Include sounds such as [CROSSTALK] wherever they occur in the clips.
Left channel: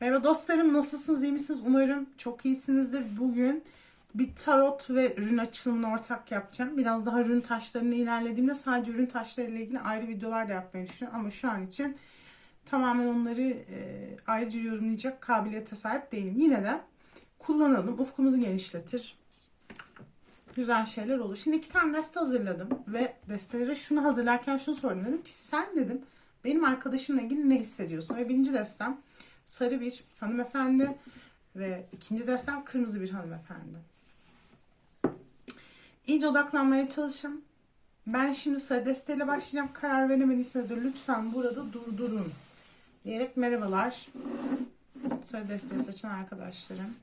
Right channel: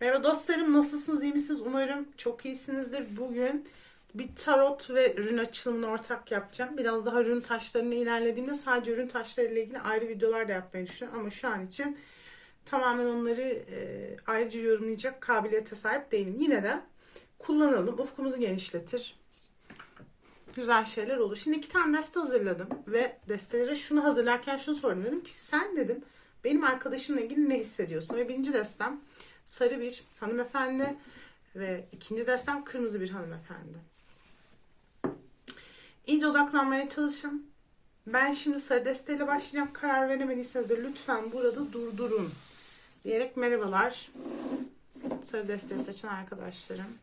Merhaba dostlarım nasılsınız? İyi misiniz? Umarım çok iyisinizdir. Bugün bir tarot ve rün açılımını ortak yapacağım. Biraz daha rün taşlarını ilerlediğimde sadece rün taşları ile ilgili ayrı videolar da yapmayı düşünüyorum. Ama şu an için tamamen onları e, ayrıca yorumlayacak kabiliyete sahip değilim. Yine de kullanalım. Ufkumuzu genişletir. Güzel şeyler olur. Şimdi iki tane deste hazırladım ve destelere şunu hazırlarken şunu sordum dedim ki sen dedim benim arkadaşımla ilgili ne hissediyorsun? Ve birinci destem sarı bir hanımefendi ve ikinci destem kırmızı bir hanımefendi. İyice odaklanmaya çalışın. Ben şimdi sarı desteyle başlayacağım. Karar veremediyseniz de lütfen burada durdurun. Diyerek merhabalar. Sarı deste seçen arkadaşlarım.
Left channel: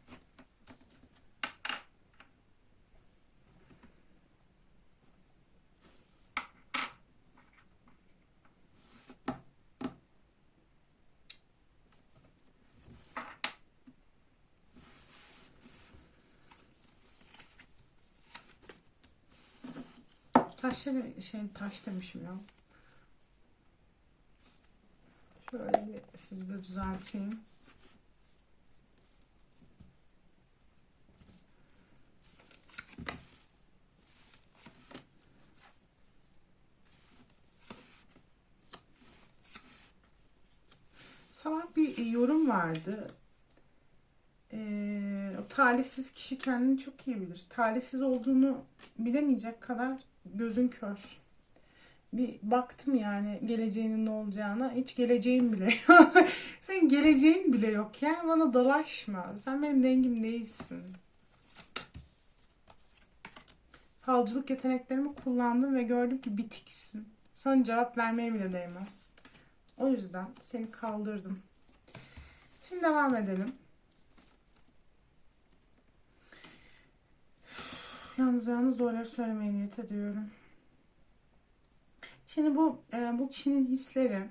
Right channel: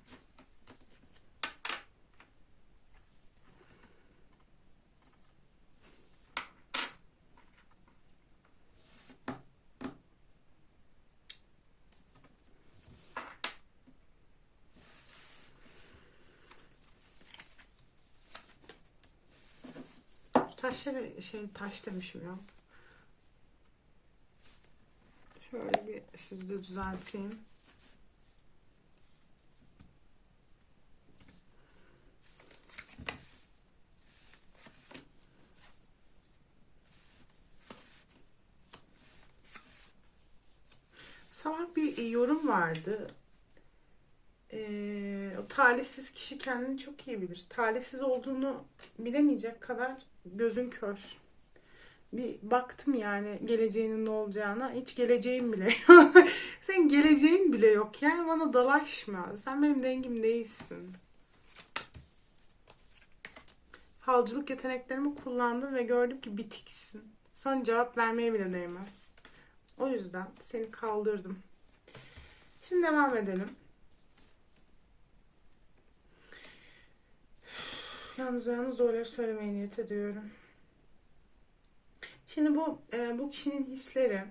Taşları şey taş demişim ya. Şöyle bir sizi de düzelteyim. Sabah bir yorum vardı. Talihsiz kişi kendini çok iyi bilir. Talihsiz olduğunu bilemeyecek kadar gözün kör. Bir baktım yani geleceğinin ne olacağına. Hiç geleceğin bile. [LAUGHS] Senin geleceğin bile yok. Yani bana dalaşma. Sen benim dengim değilsin. Falcılık yeteneklerimi kullandım ve gördüm ki bitiksin. Sana cevap vermeye bile değmez. O yüzden seni kaldırdım. Şimdi devam edelim. Yalnız yalnız doğruları söylemeye niyet ediyorum. Şimdi bu e, bu kişinin hisleri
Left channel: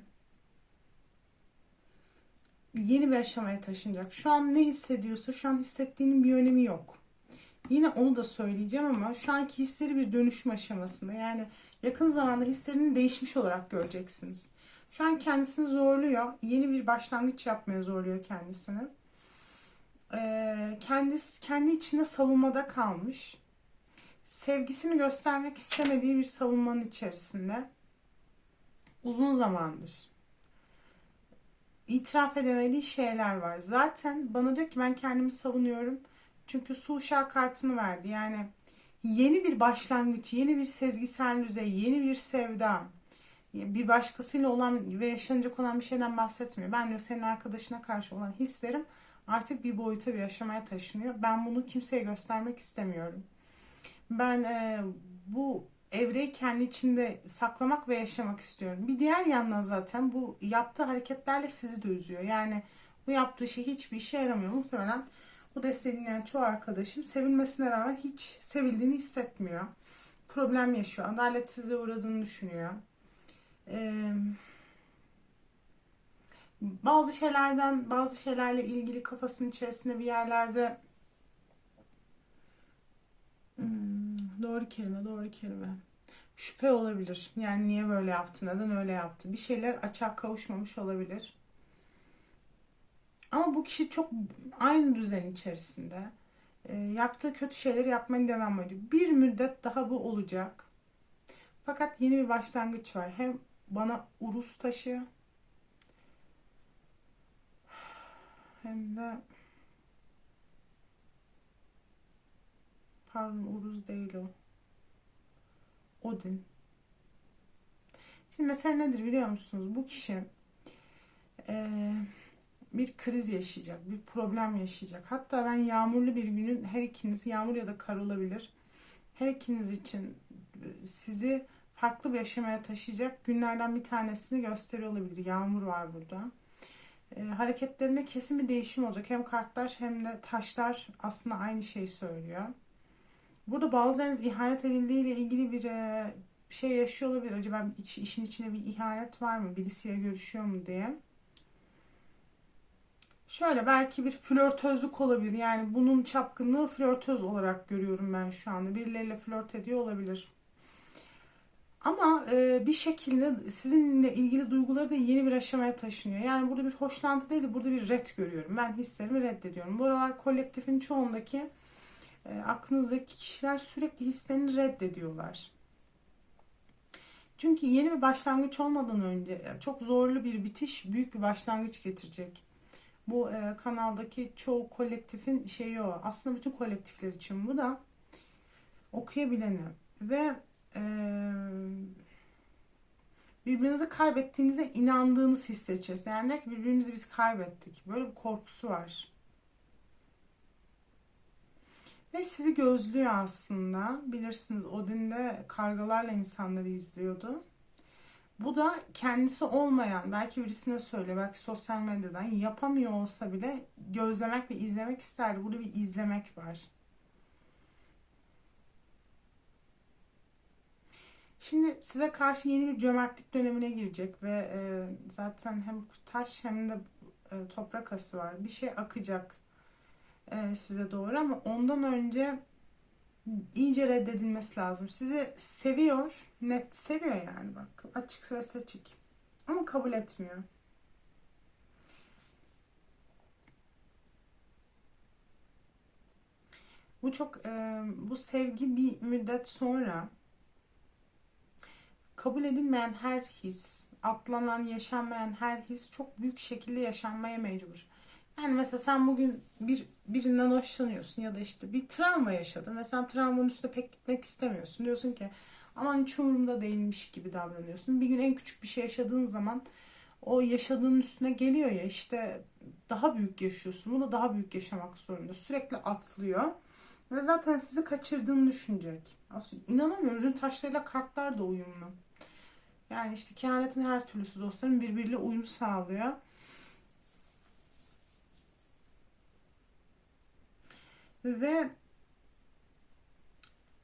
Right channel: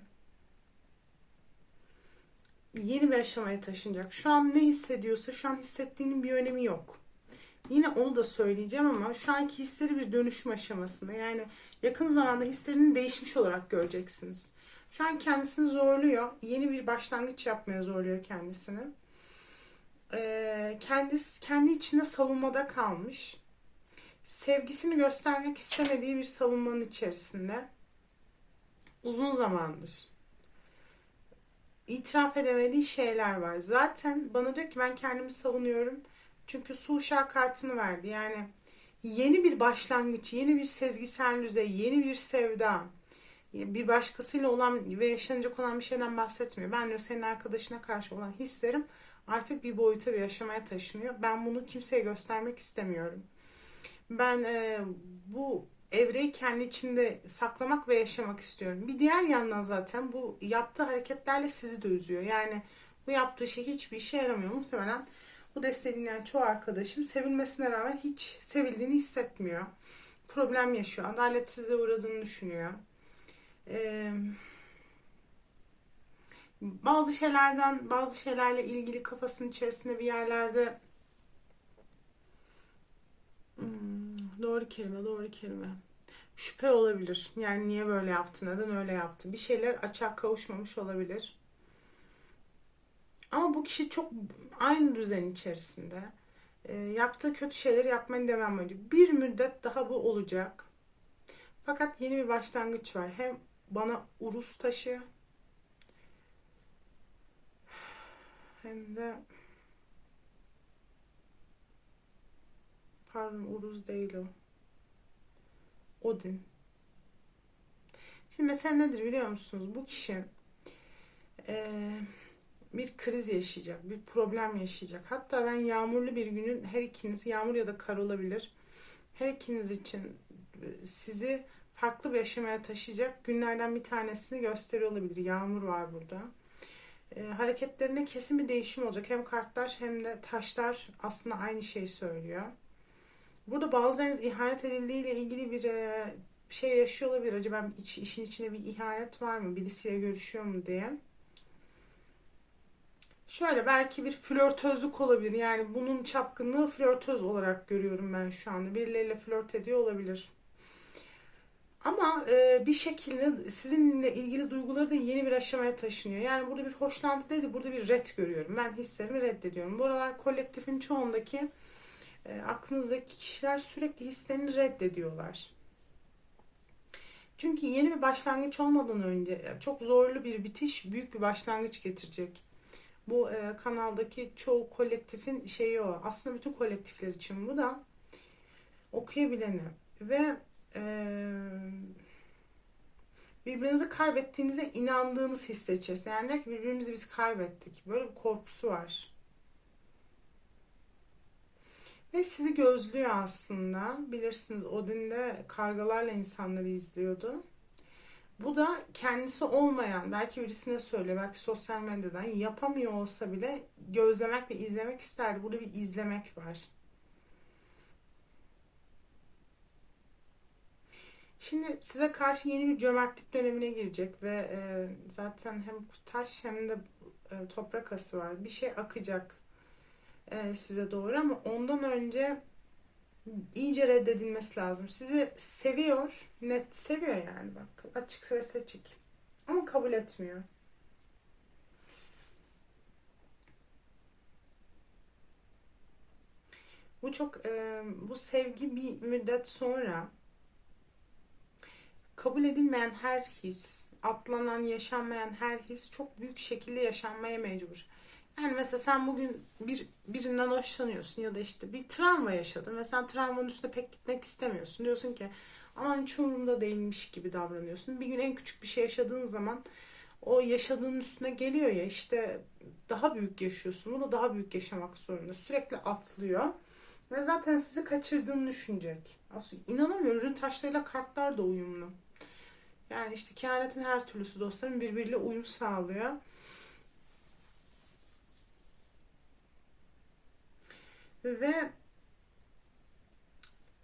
yeni bir aşamaya taşınacak. Şu an ne hissediyorsa şu an hissettiğinin bir önemi yok. Yine onu da söyleyeceğim ama şu anki hisleri bir dönüşüm aşamasında. Yani yakın zamanda hislerinin değişmiş olarak göreceksiniz. Şu an kendisini zorluyor. Yeni bir başlangıç yapmaya zorluyor kendisini. Ee, kendisi kendi içinde savunmada kalmış sevgisini göstermek istemediği bir savunmanın içerisinde uzun zamandır itiraf edemediği şeyler var. Zaten bana diyor ki ben kendimi savunuyorum. Çünkü su uşağı kartını verdi. Yani yeni bir başlangıç, yeni bir sezgisel düzey, yeni bir sevda, bir başkasıyla olan ve yaşanacak olan bir şeyden bahsetmiyor. Ben diyor senin arkadaşına karşı olan hislerim artık bir boyuta bir aşamaya taşınıyor. Ben bunu kimseye göstermek istemiyorum. Ben e, bu evreyi kendi içinde saklamak ve yaşamak istiyorum. Bir diğer yandan zaten bu yaptığı hareketlerle sizi de üzüyor. Yani bu yaptığı şey hiçbir işe yaramıyor. Muhtemelen bu desteğinden çoğu arkadaşım sevilmesine rağmen hiç sevildiğini hissetmiyor. Problem yaşıyor. Adaletsizliğe uğradığını düşünüyor. Ee, bazı şeylerden, bazı şeylerle ilgili kafasının içerisinde bir yerlerde doğru kelime, doğru kelime. Şüphe olabilir. Yani niye böyle yaptı, neden öyle yaptı? Bir şeyler açığa kavuşmamış olabilir. Ama bu kişi çok aynı düzen içerisinde. E, yaptığı kötü şeyleri yapmaya devam ediyor. Bir müddet daha bu olacak. Fakat yeni bir başlangıç var. Hem bana urus taşı hem de Pardon Uruz değil o. Odin. Şimdi mesela nedir biliyor musunuz? Bu kişi e, bir kriz yaşayacak, bir problem yaşayacak. Hatta ben yağmurlu bir günün her ikiniz yağmur ya da kar olabilir. Her ikiniz için sizi farklı bir aşamaya taşıyacak günlerden bir tanesini gösteriyor olabilir. Yağmur var burada. E, hareketlerinde kesin bir değişim olacak. Hem kartlar hem de taşlar aslında aynı şeyi söylüyor. Burada bazılarınız ihanet edildiğiyle ilgili bir e, şey yaşıyor olabilir. Acaba iç, işin içinde bir ihanet var mı? Birisiyle görüşüyor mu diye. Şöyle belki bir flörtözlük olabilir. Yani bunun çapkınlığı flörtöz olarak görüyorum ben şu anda. Birileriyle flört ediyor olabilir. Ama e, bir şekilde sizinle ilgili duyguları da yeni bir aşamaya taşınıyor. Yani burada bir hoşlantı değil de burada bir red görüyorum. Ben hislerimi reddediyorum. Bu aralar kolektifin çoğundaki e, aklınızdaki kişiler sürekli hislerini reddediyorlar. Çünkü yeni bir başlangıç olmadan önce e, çok zorlu bir bitiş büyük bir başlangıç getirecek. Bu e, kanaldaki çoğu kolektifin şeyi o. Aslında bütün kolektifler için bu da okuyabileni ve e, birbirinizi kaybettiğinize inandığınız içerisinde. Yani diyor ki birbirimizi biz kaybettik. Böyle bir korkusu var. Ve sizi gözlüyor aslında. Bilirsiniz Odin'de kargalarla insanları izliyordu. Bu da kendisi olmayan, belki birisine söyle, belki sosyal medyadan yapamıyor olsa bile gözlemek ve izlemek isterdi. Burada bir izlemek var. Şimdi size karşı yeni bir cömertlik dönemine girecek ve e, zaten hem taş hem de e, toprak ası var. Bir şey akacak e, size doğru ama ondan önce iyice reddedilmesi lazım. Sizi seviyor, net seviyor yani bak açık ve seçik ama kabul etmiyor. Bu çok e, bu sevgi bir müddet sonra kabul edilmeyen her his, atlanan, yaşanmayan her his çok büyük şekilde yaşanmaya mecbur. Yani mesela sen bugün bir birinden hoşlanıyorsun ya da işte bir travma yaşadın ve sen travmanın üstüne pek gitmek istemiyorsun. Diyorsun ki aman hiç umurumda değilmiş gibi davranıyorsun. Bir gün en küçük bir şey yaşadığın zaman o yaşadığın üstüne geliyor ya işte daha büyük yaşıyorsun. Bu da daha büyük yaşamak zorunda. Sürekli atlıyor. Ve zaten sizi kaçırdığını düşünecek. Aslında inanamıyorum. Ürün taşlarıyla kartlar da uyumlu. Yani işte kehanetin her türlüsü dostlarım birbiriyle uyum sağlıyor. Ve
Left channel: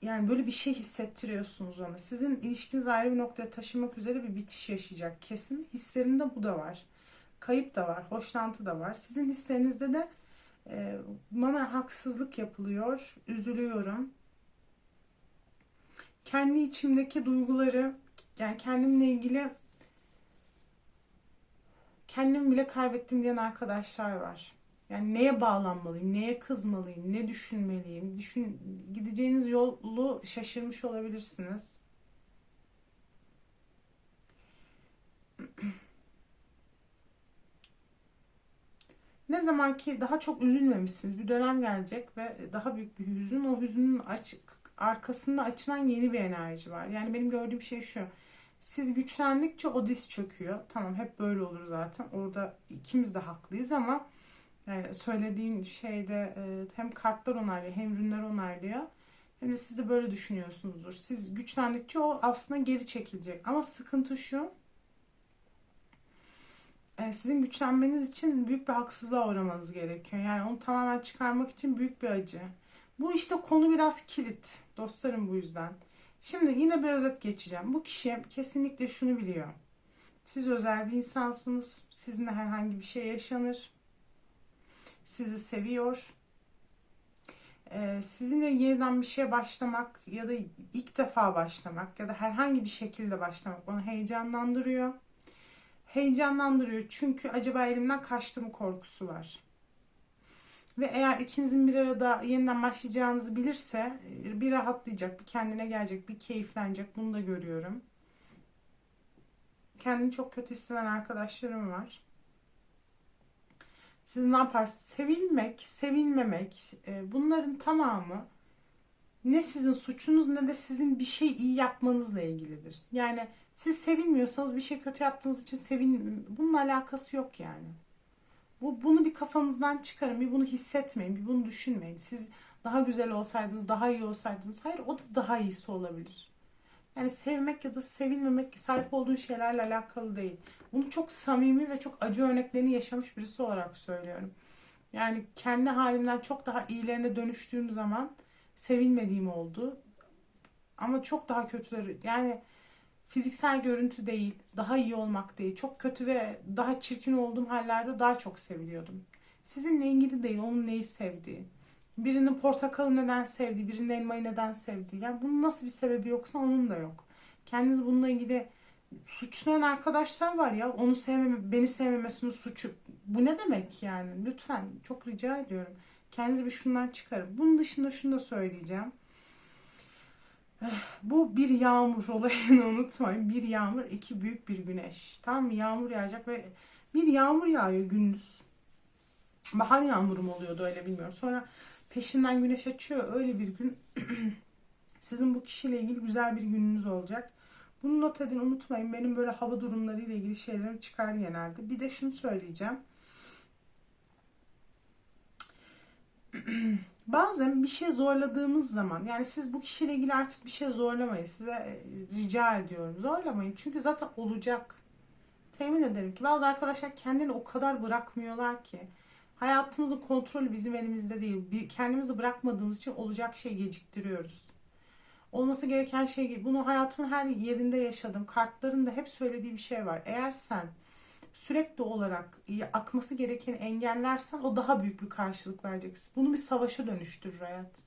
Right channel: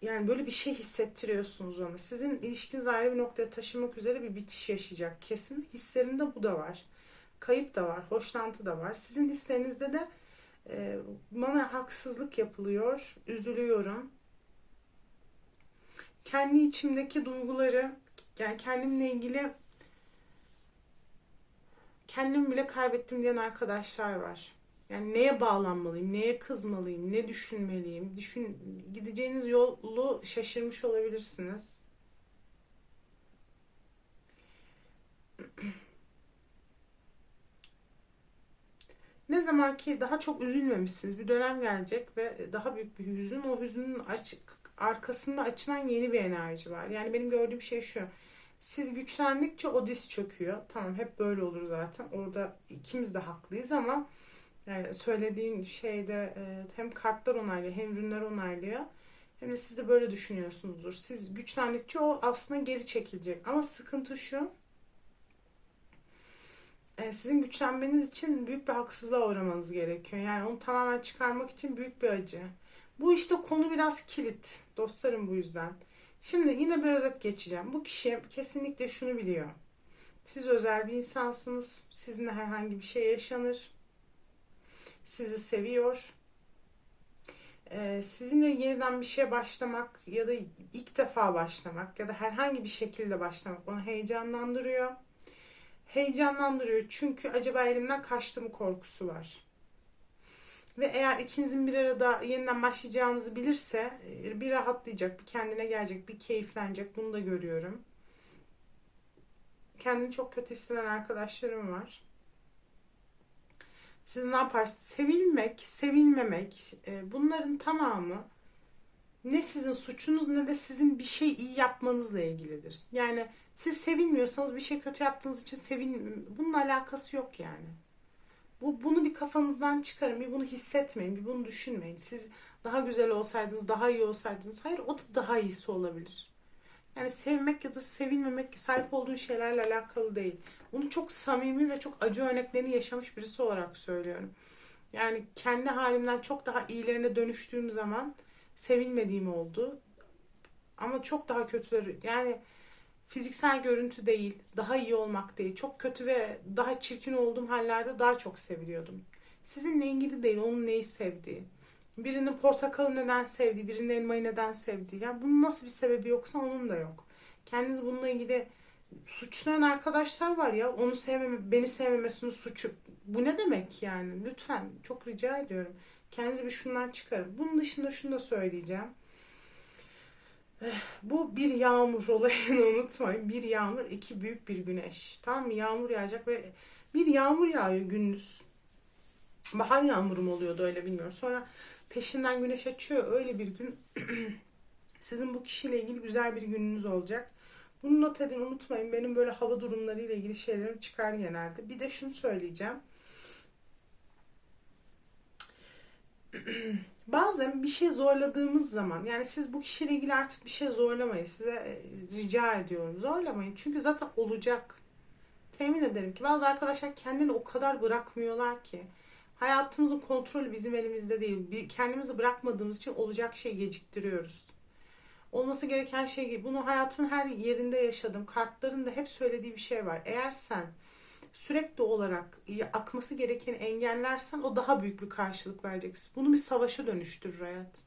yani böyle bir şey hissettiriyorsunuz ona. Sizin ilişkiniz ayrı bir noktaya taşımak üzere bir bitiş yaşayacak. Kesin hislerinde bu da var. Kayıp da var, hoşlantı da var. Sizin hislerinizde de e, bana haksızlık yapılıyor, üzülüyorum. Kendi içimdeki duyguları, yani kendimle ilgili kendimi bile kaybettim diyen arkadaşlar var. Yani neye bağlanmalıyım, neye kızmalıyım, ne düşünmeliyim? Düşün, gideceğiniz yolu şaşırmış olabilirsiniz. [CLEARS THROAT] Ne zaman ki daha çok üzülmemişsiniz, bir dönem gelecek ve daha büyük bir hüzün, o hüzünün açık, arkasında açılan yeni bir enerji var. Yani benim gördüğüm şey şu. Siz güçlendikçe o diz çöküyor. Tamam hep böyle olur zaten. Orada ikimiz de haklıyız ama yani söylediğim şeyde e, hem kartlar onaylıyor hem ürünler onaylıyor. Hem de siz de böyle düşünüyorsunuzdur. Siz güçlendikçe o aslında geri çekilecek. Ama sıkıntı şu. E, sizin güçlenmeniz için büyük bir haksızlığa uğramanız gerekiyor. Yani onu tamamen çıkarmak için büyük bir acı. Bu işte konu biraz kilit. Dostlarım bu yüzden. Şimdi yine bir özet geçeceğim. Bu kişi kesinlikle şunu biliyor. Siz özel bir insansınız. Sizinle herhangi bir şey yaşanır sizi seviyor. Ee, sizinle yeniden bir şeye başlamak ya da ilk defa başlamak ya da herhangi bir şekilde başlamak onu heyecanlandırıyor. Heyecanlandırıyor çünkü acaba elimden kaçtı mı korkusu var. Ve eğer ikinizin bir arada yeniden başlayacağınızı bilirse e, bir rahatlayacak, bir kendine gelecek, bir keyiflenecek. Bunu da görüyorum. Kendini çok kötü hisseden arkadaşlarım var. Siz ne yaparsınız? Sevilmek, sevilmemek e, bunların tamamı ne sizin suçunuz ne de sizin bir şey iyi yapmanızla ilgilidir. Yani siz sevilmiyorsanız bir şey kötü yaptığınız için sevin bunun alakası yok yani. Bu bunu bir kafanızdan çıkarın. Bir bunu hissetmeyin, bir bunu düşünmeyin. Siz daha güzel olsaydınız, daha iyi olsaydınız. Hayır, o da daha iyisi olabilir. Yani sevmek ya da sevilmemek sahip olduğu şeylerle alakalı değil. Bunu çok samimi ve çok acı örneklerini yaşamış birisi olarak söylüyorum. Yani kendi halimden çok daha iyilerine dönüştüğüm zaman sevilmediğim oldu. Ama çok daha kötüleri yani fiziksel görüntü değil, daha iyi olmak değil. Çok kötü ve daha çirkin olduğum hallerde daha çok seviliyordum. Sizinle ilgili değil, onun neyi sevdiği. Birinin portakalı neden sevdiği, birinin elmayı neden sevdiği. Yani bunun nasıl bir sebebi yoksa onun da yok. Kendinizi bununla ilgili suçlayan arkadaşlar var ya. Onu sevmeme, beni sevmemesinin suçu. Bu ne demek yani? Lütfen çok rica ediyorum. Kendinizi bir şundan çıkarın. Bunun dışında şunu da söyleyeceğim. Eh, Bu bir yağmur [LAUGHS] olayını unutmayın. Bir yağmur, iki büyük bir güneş. Mı? Yağmur yağacak ve bir yağmur yağıyor gündüz. Bahar yağmuru mu oluyordu öyle bilmiyorum. Sonra peşinden güneş açıyor. Öyle bir gün [CLEARS THROAT] sizin bu kişiyle ilgili güzel bir gününüz olacak. Bunu not edin unutmayın. Benim böyle hava durumları ile ilgili şeylerim çıkar genelde. Bir de şunu söyleyeceğim. [CLEARS THROAT] Bazen bir şey zorladığımız zaman yani siz bu kişiyle ilgili artık bir şey zorlamayın. Size e, rica ediyorum. Zorlamayın. Çünkü zaten olacak. Temin ederim ki bazı arkadaşlar kendini o kadar bırakmıyorlar ki. Hayatımızın kontrolü bizim elimizde değil. Kendimizi bırakmadığımız için olacak şey geciktiriyoruz. Olması gereken şey bunu hayatımın her yerinde yaşadım. Kartların da hep söylediği bir şey var. Eğer sen sürekli olarak akması gerekeni engellersen o daha büyük bir karşılık vereceksin. Bunu bir savaşa dönüştürür hayat.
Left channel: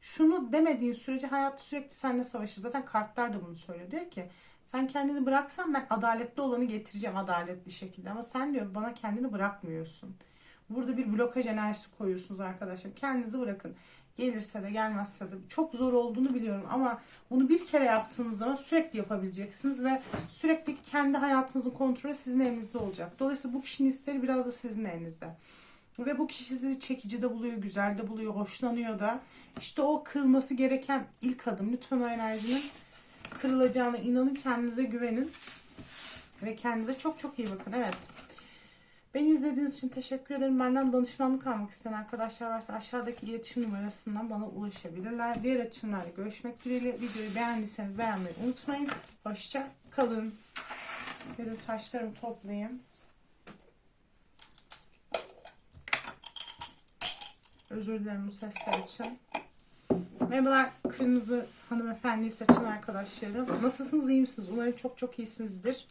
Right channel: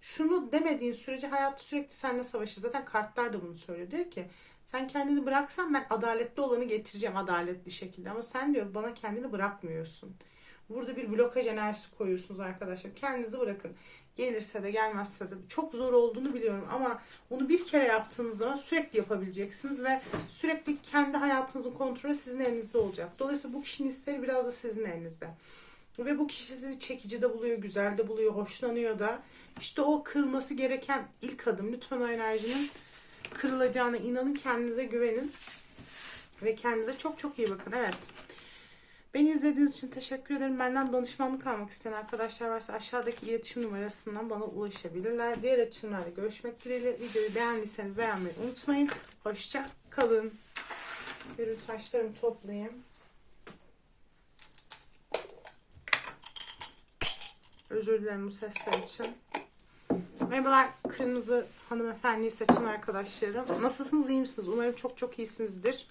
Şunu demediğin sürece hayat sürekli seninle savaşır. Zaten kartlar da bunu söylüyor. Diyor ki sen kendini bıraksan ben adaletli olanı getireceğim adaletli şekilde. Ama sen diyor bana kendini bırakmıyorsun. Burada bir blokaj enerjisi koyuyorsunuz arkadaşlar. Kendinizi bırakın. Gelirse de gelmezse de çok zor olduğunu biliyorum ama onu bir kere yaptığınız zaman sürekli yapabileceksiniz ve sürekli kendi hayatınızın kontrolü sizin elinizde olacak. Dolayısıyla bu kişinin isteği biraz da sizin elinizde. Ve bu kişi sizi çekici de buluyor, güzel de buluyor, hoşlanıyor da. İşte o kırılması gereken ilk adım. Lütfen o enerjinin kırılacağına inanın, kendinize güvenin. Ve kendinize çok çok iyi bakın. Evet. Beni izlediğiniz için teşekkür ederim. Benden danışmanlık almak isteyen arkadaşlar varsa aşağıdaki iletişim numarasından bana ulaşabilirler. Diğer açımlarda görüşmek dileğiyle. Videoyu beğendiyseniz beğenmeyi unutmayın. Hoşça kalın. Benim taşlarımı toplayayım. Özür dilerim bu sesler için. Merhabalar kırmızı hanımefendiyi seçen arkadaşlarım. Nasılsınız iyi misiniz? Umarım çok çok iyisinizdir.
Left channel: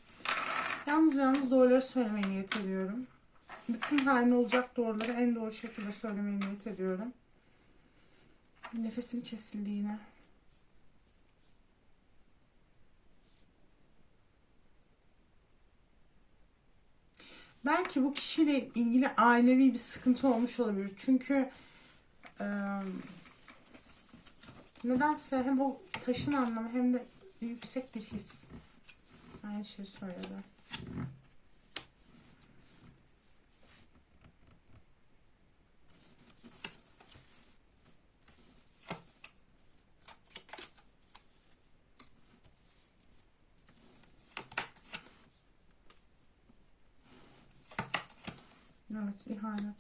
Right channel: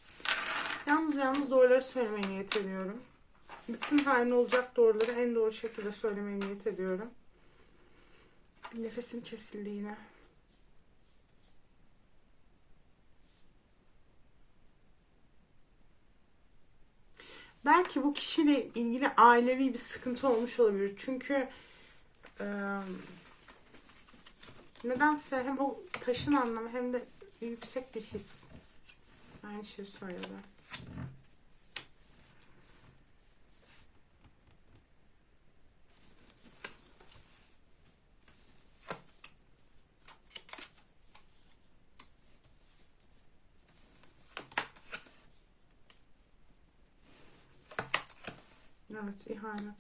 Yalnız ve yalnız doğruları söylemeye niyet ediyorum. Bütün her ne olacak doğruları en doğru şekilde söylemeye niyet ediyorum. Nefesim kesildi yine. Belki bu kişiyle ilgili ailevi bir sıkıntı olmuş olabilir. Çünkü e, nedense hem o taşın anlamı hem de yüksek bir his. Aynı şeyi söyledi. Evet, ihanet.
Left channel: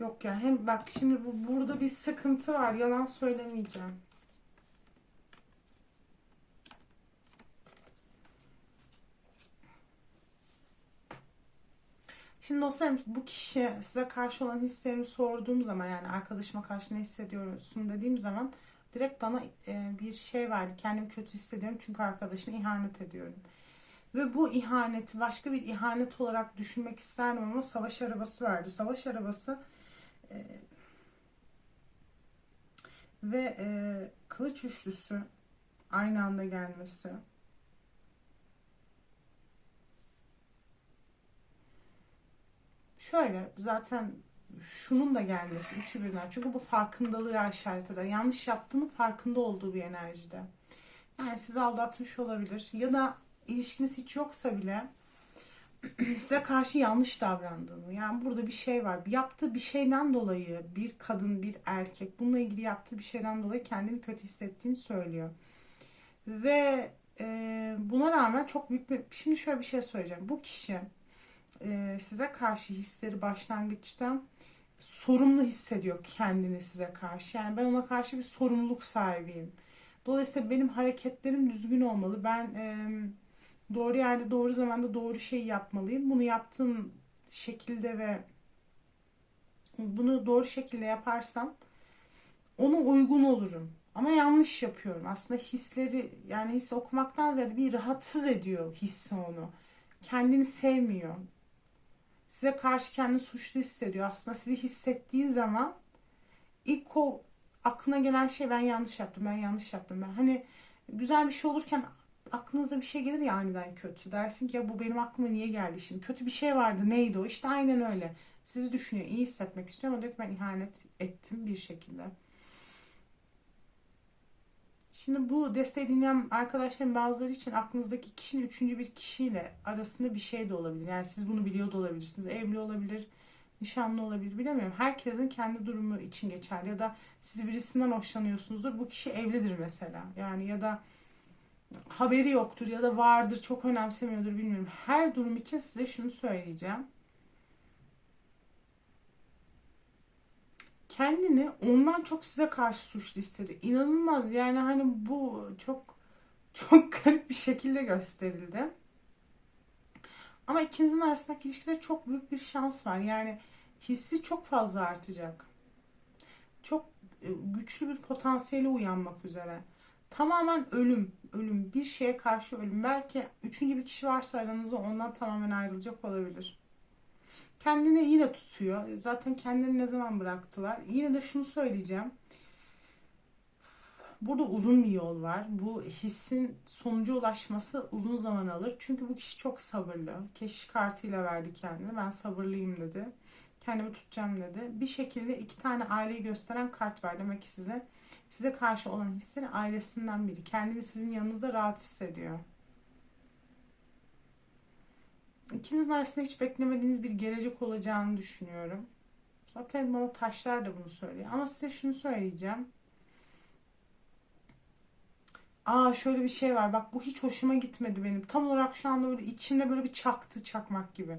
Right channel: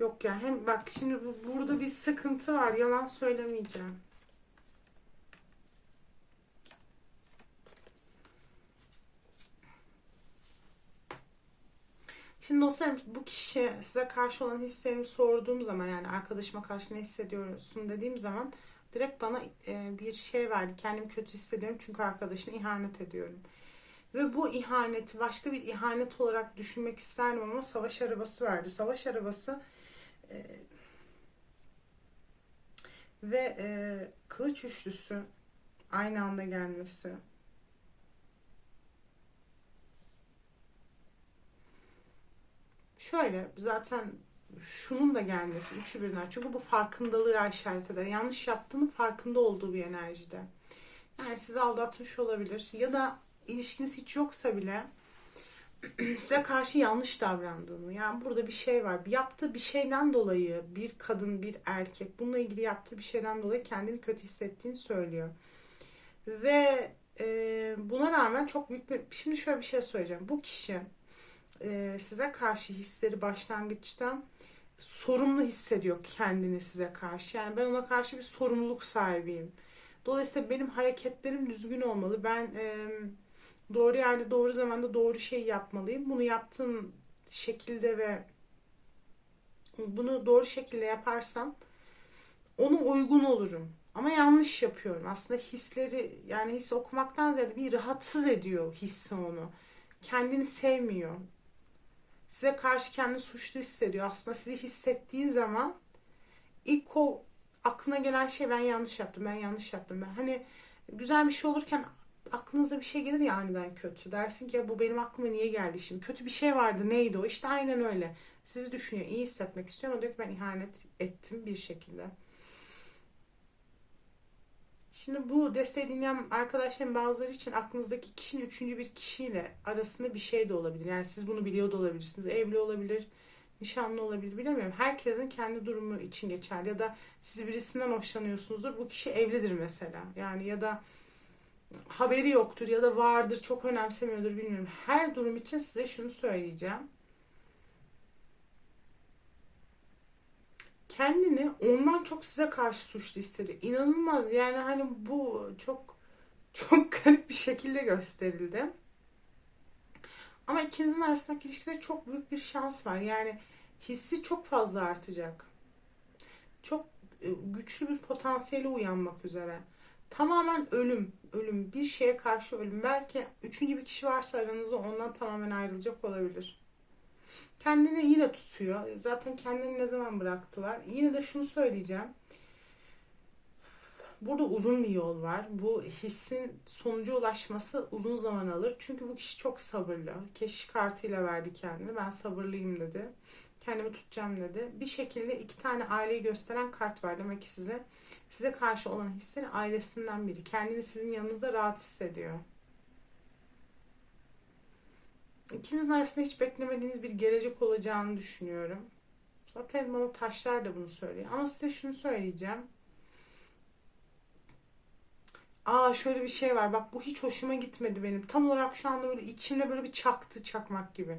Yok ya hem bak şimdi bu, burada bir sıkıntı var yalan söylemeyeceğim. Şimdi dostlarım bu kişi size karşı olan hislerimi sorduğum zaman yani arkadaşıma karşı ne hissediyorsun dediğim zaman direkt bana e, bir şey verdi. Kendimi kötü hissediyorum çünkü arkadaşına ihanet ediyorum. Ve bu ihaneti başka bir ihanet olarak düşünmek isterdim ama savaş arabası verdi. Savaş arabası e, ve e, kılıç üçlüsü aynı anda gelmesi. Şöyle zaten şunun da gelmesi üçü birden. Çünkü bu farkındalığı işaret eder. Yanlış yaptığının farkında olduğu bir enerjide. Yani sizi aldatmış olabilir. Ya da ilişkiniz hiç yoksa bile [CLEARS THROAT] size karşı yanlış davrandığını. Yani burada bir şey var. Yaptığı bir şeyden dolayı bir kadın, bir erkek bununla ilgili yaptığı bir şeyden dolayı kendini kötü hissettiğini söylüyor. Ve e, buna rağmen çok büyük bir... Şimdi şöyle bir şey söyleyeceğim. Bu kişi e, size karşı hisleri başlangıçta sorumlu hissediyor kendini size karşı. Yani ben ona karşı bir sorumluluk sahibiyim. Dolayısıyla benim hareketlerim düzgün olmalı. Ben e, doğru yerde doğru zamanda doğru şey yapmalıyım. Bunu yaptığım şekilde ve bunu doğru şekilde yaparsam ona uygun olurum. Ama yanlış yapıyorum. Aslında hisleri yani his okumaktan ziyade bir rahatsız ediyor hissi onu. Kendini sevmiyor. Size karşı kendini suçlu hissediyor. Aslında sizi hissettiği zaman ilk o aklına gelen şey ben yanlış yaptım, ben yanlış yaptım. Ben hani güzel bir şey olurken aklınızda bir şey gelir ya aniden kötü. Dersin ki ya bu benim aklıma niye geldi şimdi? Kötü bir şey vardı neydi o? İşte aynen öyle. Sizi düşünüyor, iyi hissetmek istiyor ama diyor ki ben ihanet ettim bir şekilde. Şimdi bu desteği dinleyen arkadaşlarım bazıları için aklınızdaki kişinin üçüncü bir kişiyle arasında bir şey de olabilir. Yani siz bunu biliyor da olabilirsiniz. Evli olabilir, nişanlı olabilir bilemiyorum. Herkesin kendi durumu için geçerli. Ya da siz birisinden hoşlanıyorsunuzdur. Bu kişi evlidir mesela. Yani ya da haberi yoktur ya da vardır çok önemsemiyordur bilmiyorum. Her durum için size şunu söyleyeceğim. Kendini ondan çok size karşı suçlu hissediyor. İnanılmaz yani hani bu çok çok [LAUGHS] garip bir şekilde gösterildi. Ama ikinizin arasındaki ilişkide çok büyük bir şans var. Yani hissi çok fazla artacak. Çok e, güçlü bir potansiyele uyanmak üzere. Tamamen ölüm, ölüm, bir şeye karşı ölüm. Belki üçüncü bir kişi varsa aranızda ondan tamamen ayrılacak olabilir. Kendini yine tutuyor. Zaten kendini ne zaman bıraktılar? Yine de şunu söyleyeceğim. Burada uzun bir yol var. Bu hissin sonuca ulaşması uzun zaman alır. Çünkü bu kişi çok sabırlı. Keşiş kartıyla verdi kendini. Ben sabırlıyım dedi. Kendimi tutacağım dedi. Bir şekilde iki tane aileyi gösteren kart var. Demek ki size size karşı olan hisleri ailesinden biri. Kendini sizin yanınızda rahat hissediyor. İkinizin arasında hiç beklemediğiniz bir gelecek olacağını düşünüyorum. Zaten bana taşlar da bunu söylüyor. Ama size şunu söyleyeceğim. Aa şöyle bir şey var. Bak bu hiç hoşuma gitmedi benim. Tam olarak şu anda böyle içimde böyle bir çaktı çakmak gibi.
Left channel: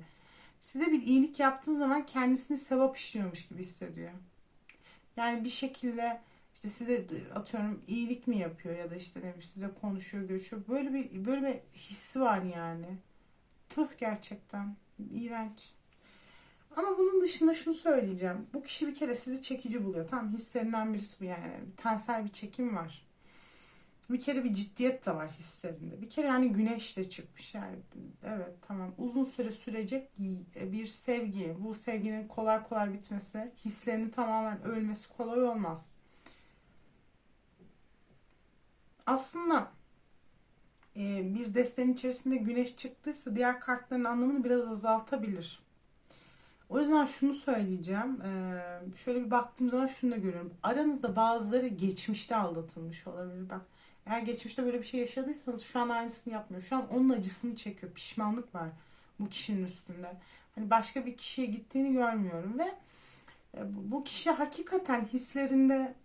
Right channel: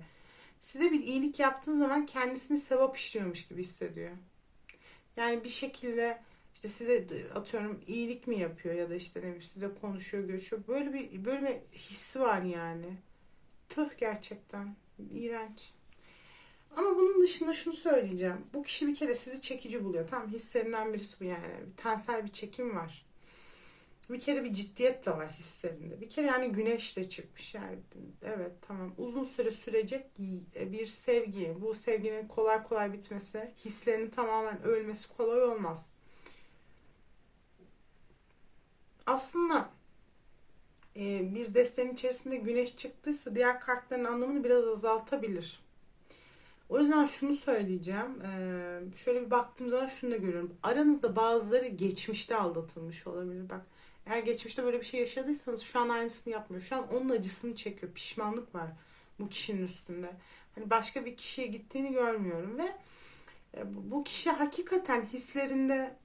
Size bir iyilik yaptığın zaman kendisini sevap işliyormuş gibi hissediyor. Yani bir şekilde işte size atıyorum iyilik mi yapıyor ya da işte ne bileyim size konuşuyor, görüşüyor. Böyle bir böyle bir hissi var yani. Püh gerçekten. iğrenç. Ama bunun dışında şunu söyleyeceğim. Bu kişi bir kere sizi çekici buluyor. Tam hislerinden birisi bu yani. Tensel bir çekim var. Bir kere bir ciddiyet de var hislerinde. Bir kere yani güneş de çıkmış yani. Evet tamam. Uzun süre sürecek bir sevgi. Bu sevginin kolay kolay bitmesi, hislerinin tamamen ölmesi kolay olmaz. Aslında bir destenin içerisinde güneş çıktıysa diğer kartların anlamını biraz azaltabilir. O yüzden şunu söyleyeceğim. E, şöyle bir baktığım zaman şunu da görüyorum. Aranızda bazıları geçmişte aldatılmış olabilir. Bak eğer geçmişte böyle bir şey yaşadıysanız şu an aynısını yapmıyor. Şu an onun acısını çekiyor. Pişmanlık var bu kişinin üstünde. Hani başka bir kişiye gittiğini görmüyorum ve e, bu kişi hakikaten hislerinde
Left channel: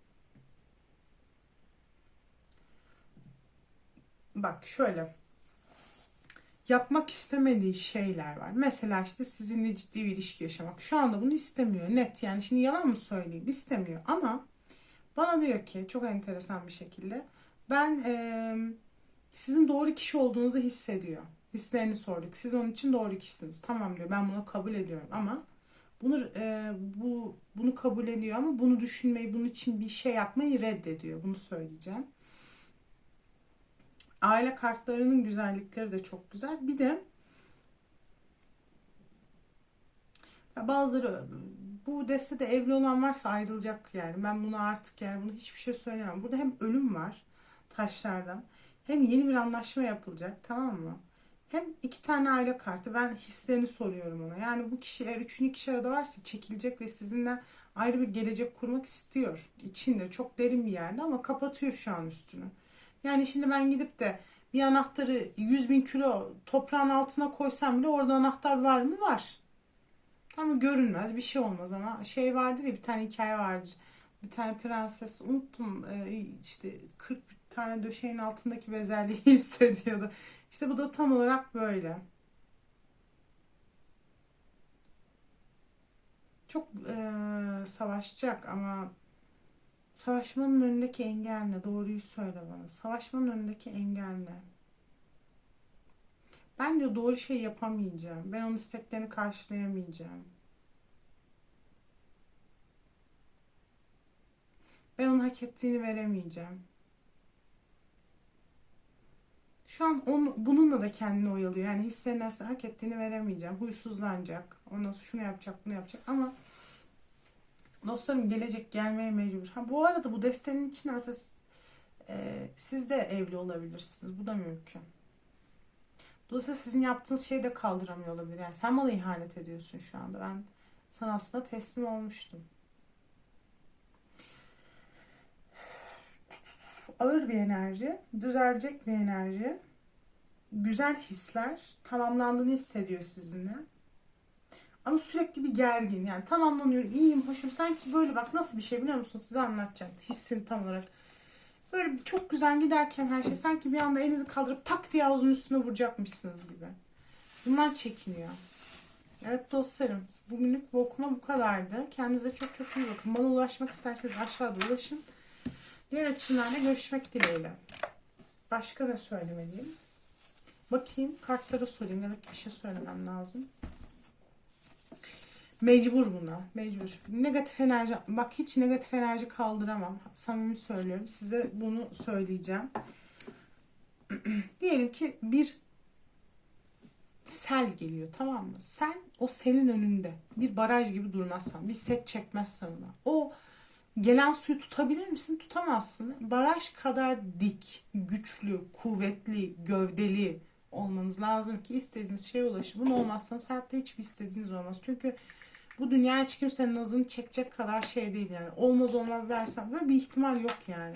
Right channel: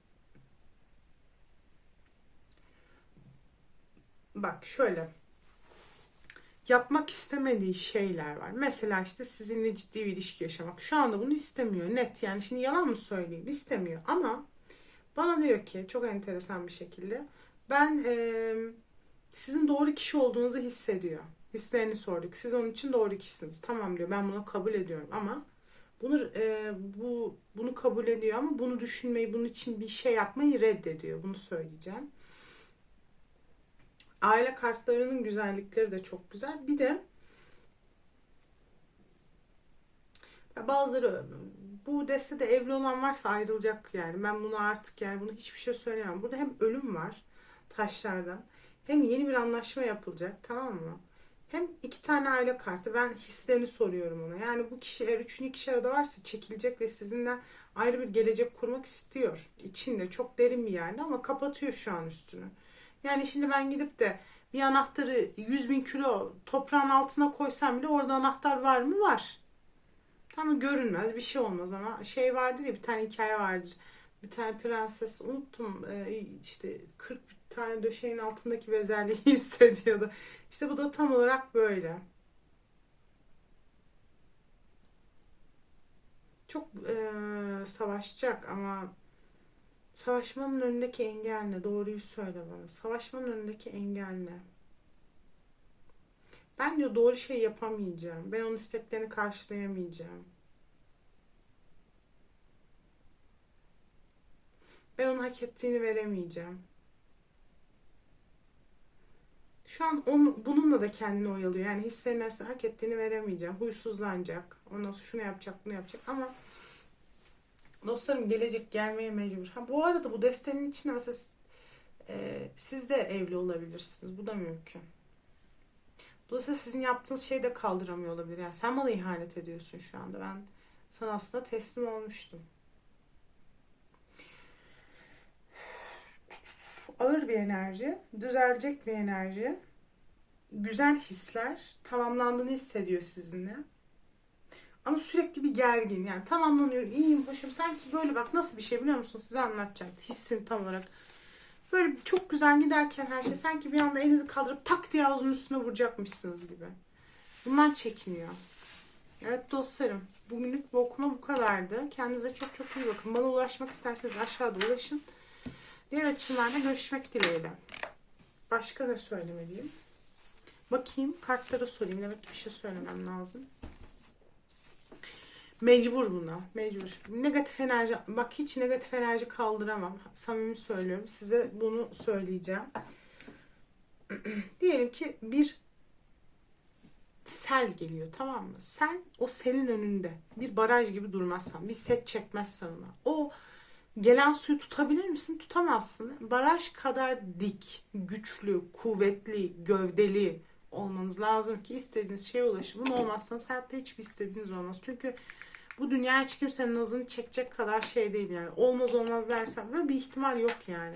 bak şöyle yapmak istemediği şeyler var. Mesela işte sizinle ciddi bir ilişki yaşamak. Şu anda bunu istemiyor. Net yani şimdi yalan mı söyleyeyim? İstemiyor ama bana diyor ki çok enteresan bir şekilde ben e, sizin doğru kişi olduğunuzu hissediyor. Hislerini sorduk. Siz onun için doğru kişisiniz. Tamam diyor. Ben bunu kabul ediyorum ama bunu e, bu bunu kabul ediyor ama bunu düşünmeyi, bunun için bir şey yapmayı reddediyor. Bunu söyleyeceğim. Aile kartlarının güzellikleri de çok güzel. Bir de bazıları bu destede evli olan varsa ayrılacak yani. Ben bunu artık yani bunu hiçbir şey söyleyemem. Burada hem ölüm var taşlardan hem yeni bir anlaşma yapılacak tamam mı? Hem iki tane aile kartı. Ben hislerini soruyorum ona. Yani bu kişi eğer üçüncü kişi arada varsa çekilecek ve sizinle ayrı bir gelecek kurmak istiyor. İçinde çok derin bir yerde ama kapatıyor şu an üstünü. Yani şimdi ben gidip de bir anahtarı 100 bin kilo toprağın altına koysam bile orada anahtar var mı? Var. Tam görünmez bir şey olmaz ama şey vardır ya bir tane hikaye vardır. Bir tane prenses unuttum e, işte 40 tane döşeğin altındaki bezelyeyi [LAUGHS] hissediyordu. İşte bu da tam olarak böyle. Çok e, savaşacak ama Savaşmanın önündeki engel ne? Doğruyu söyle bana. Savaşmanın önündeki engel ne? Ben diyor doğru şey yapamayacağım. Ben onun isteklerini karşılayamayacağım. Ben onun hak ettiğini veremeyeceğim. Şu an onu, bununla da kendini oyalıyor. Yani hislerin aslında hak ettiğini veremeyeceğim. Huysuzlanacak. Ondan sonra şunu yapacak, bunu yapacak ama dostlarım gelecek gelmeye mecbur. Ha bu arada bu desteğin içinde mesela e, siz de evli olabilirsiniz. Bu da mümkün. Dolayısıyla sizin yaptığınız şeyi de kaldıramıyor olabilir. Yani sen bana ihanet ediyorsun şu anda. Ben sana aslında teslim olmuştum. Ağır bir enerji, düzelecek bir enerji, güzel hisler, tamamlandığını hissediyor sizinle. Ama sürekli bir gergin yani tamamlanıyorum, iyiyim, hoşum. Sanki böyle bak nasıl bir şey biliyor musun? Size anlatacağım. Hissin tam olarak. Böyle çok güzel giderken her şey sanki bir anda elinizi kaldırıp pak diye ağzının üstüne vuracakmışsınız gibi. Bundan çekiniyor. Evet dostlarım. Bugünlük bu okuma bu kadardı. Kendinize çok çok iyi bakın. Bana ulaşmak isterseniz aşağıda ulaşın. Diğer açılarla görüşmek dileğiyle. Başka ne söylemeliyim? Bakayım kartlara sorayım. Demek bir şey söylemem lazım. Mecbur buna. Mecbur. Negatif enerji. Bak hiç negatif enerji kaldıramam. Samimi söylüyorum. Size bunu söyleyeceğim. [CLEARS THROAT] Diyelim ki bir sel geliyor tamam mı? Sel o selin önünde. Bir baraj gibi durmazsan. Bir set çekmezsen ona. O gelen suyu tutabilir misin? Tutamazsın. Baraj kadar dik, güçlü, kuvvetli, gövdeli olmanız lazım ki istediğiniz şeye ulaşın. Bunu olmazsanız hayatta hiçbir istediğiniz olmaz. Çünkü bu dünya hiç kimsenin nazını çekecek kadar şey değil yani. Olmaz olmaz dersen böyle bir ihtimal yok yani.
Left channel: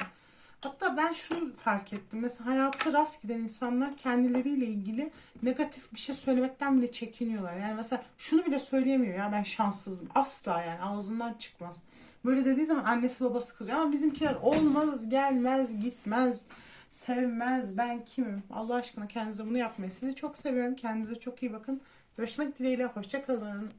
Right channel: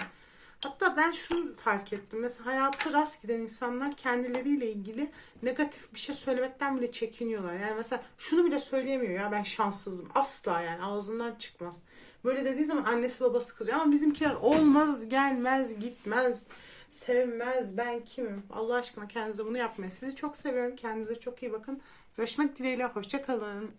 Hatta ben şunu fark ettim. Mesela hayatta rast giden insanlar kendileriyle ilgili negatif bir şey söylemekten bile çekiniyorlar. Yani mesela şunu bile söyleyemiyor ya ben şanssızım. Asla yani ağzından çıkmaz. Böyle dediği zaman annesi babası kızıyor. Ama bizimkiler olmaz, gelmez, gitmez, sevmez, ben kimim? Allah aşkına kendinize bunu yapmayın. Sizi çok seviyorum. Kendinize çok iyi bakın. Görüşmek dileğiyle. Hoşça kalın.